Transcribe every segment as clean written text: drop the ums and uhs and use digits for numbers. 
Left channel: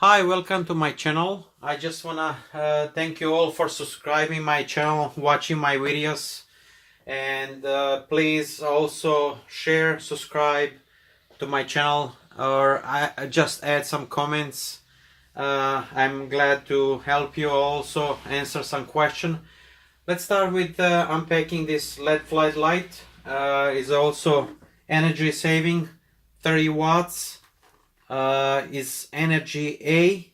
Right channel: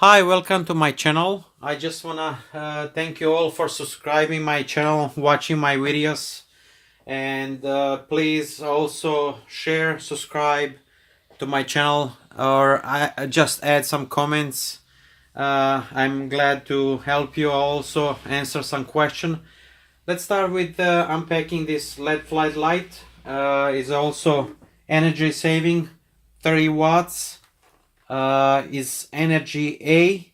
Hi, welcome to my channel. I just wanna thank you all for subscribing my channel, watching my videos, and please also share, subscribe to my channel, or I just add some comments. I'm glad to help you also answer some question. Let's start with unpacking this LED floodlight. Is also energy saving, 30 watts. Is energy A.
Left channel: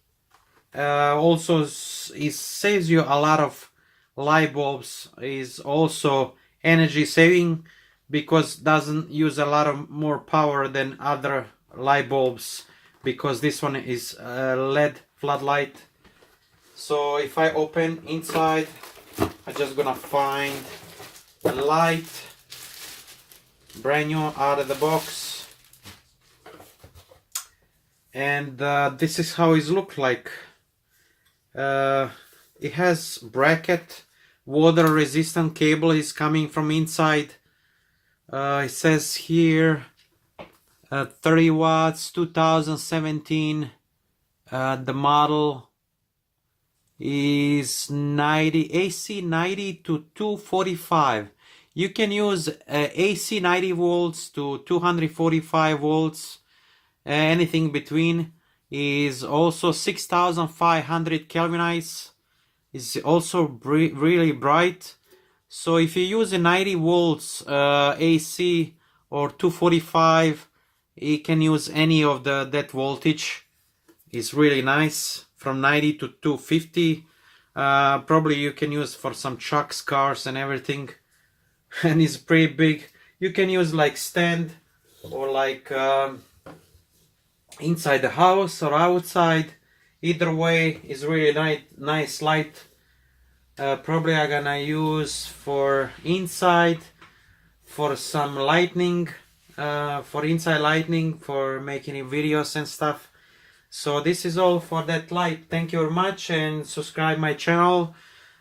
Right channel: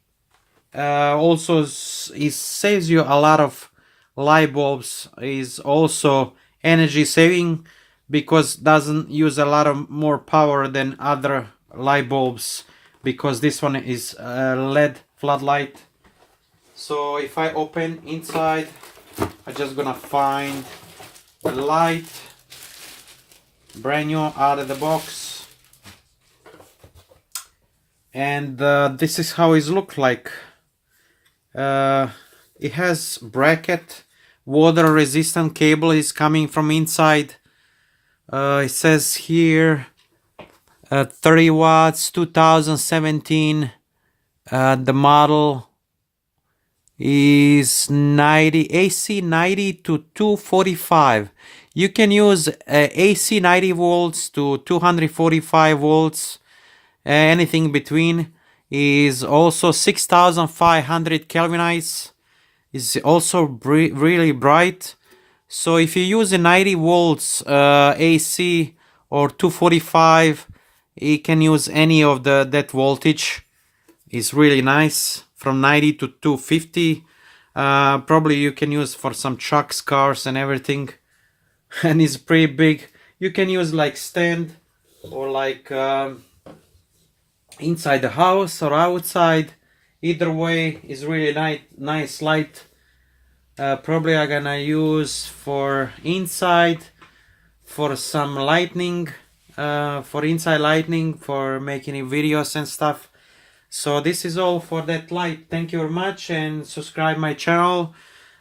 Also it saves you a lot of light bulbs. Is also energy saving because doesn't use a lot of more power than other light bulbs, because this one is LED floodlight. So if I open inside, I'm just gonna find the light brand new out of the box. And this is how it looks like. It has bracket, water resistant cable is coming from inside. It says here 30 watts 2017. The model is 90 AC 90 to 245. You can use AC 90 volts to 245 volts. Anything between. Is also 6500 kelvinites. Is also really bright. So if you use a 90 volts AC or 245, you can use any of that voltage. Is really nice, from 90 to 250. Probably you can use for some trucks, cars and everything. And it's pretty big. You can use like stand or like inside the house or outside. Either way is really nice light. Probably I'm gonna use for inside, for some lighting, for inside lighting, for making videos and stuff. So this is all for that light. Thank you very much, and subscribe my channel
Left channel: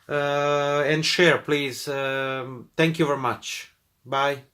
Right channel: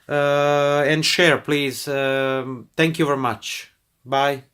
and share please. Thank you very much. Bye.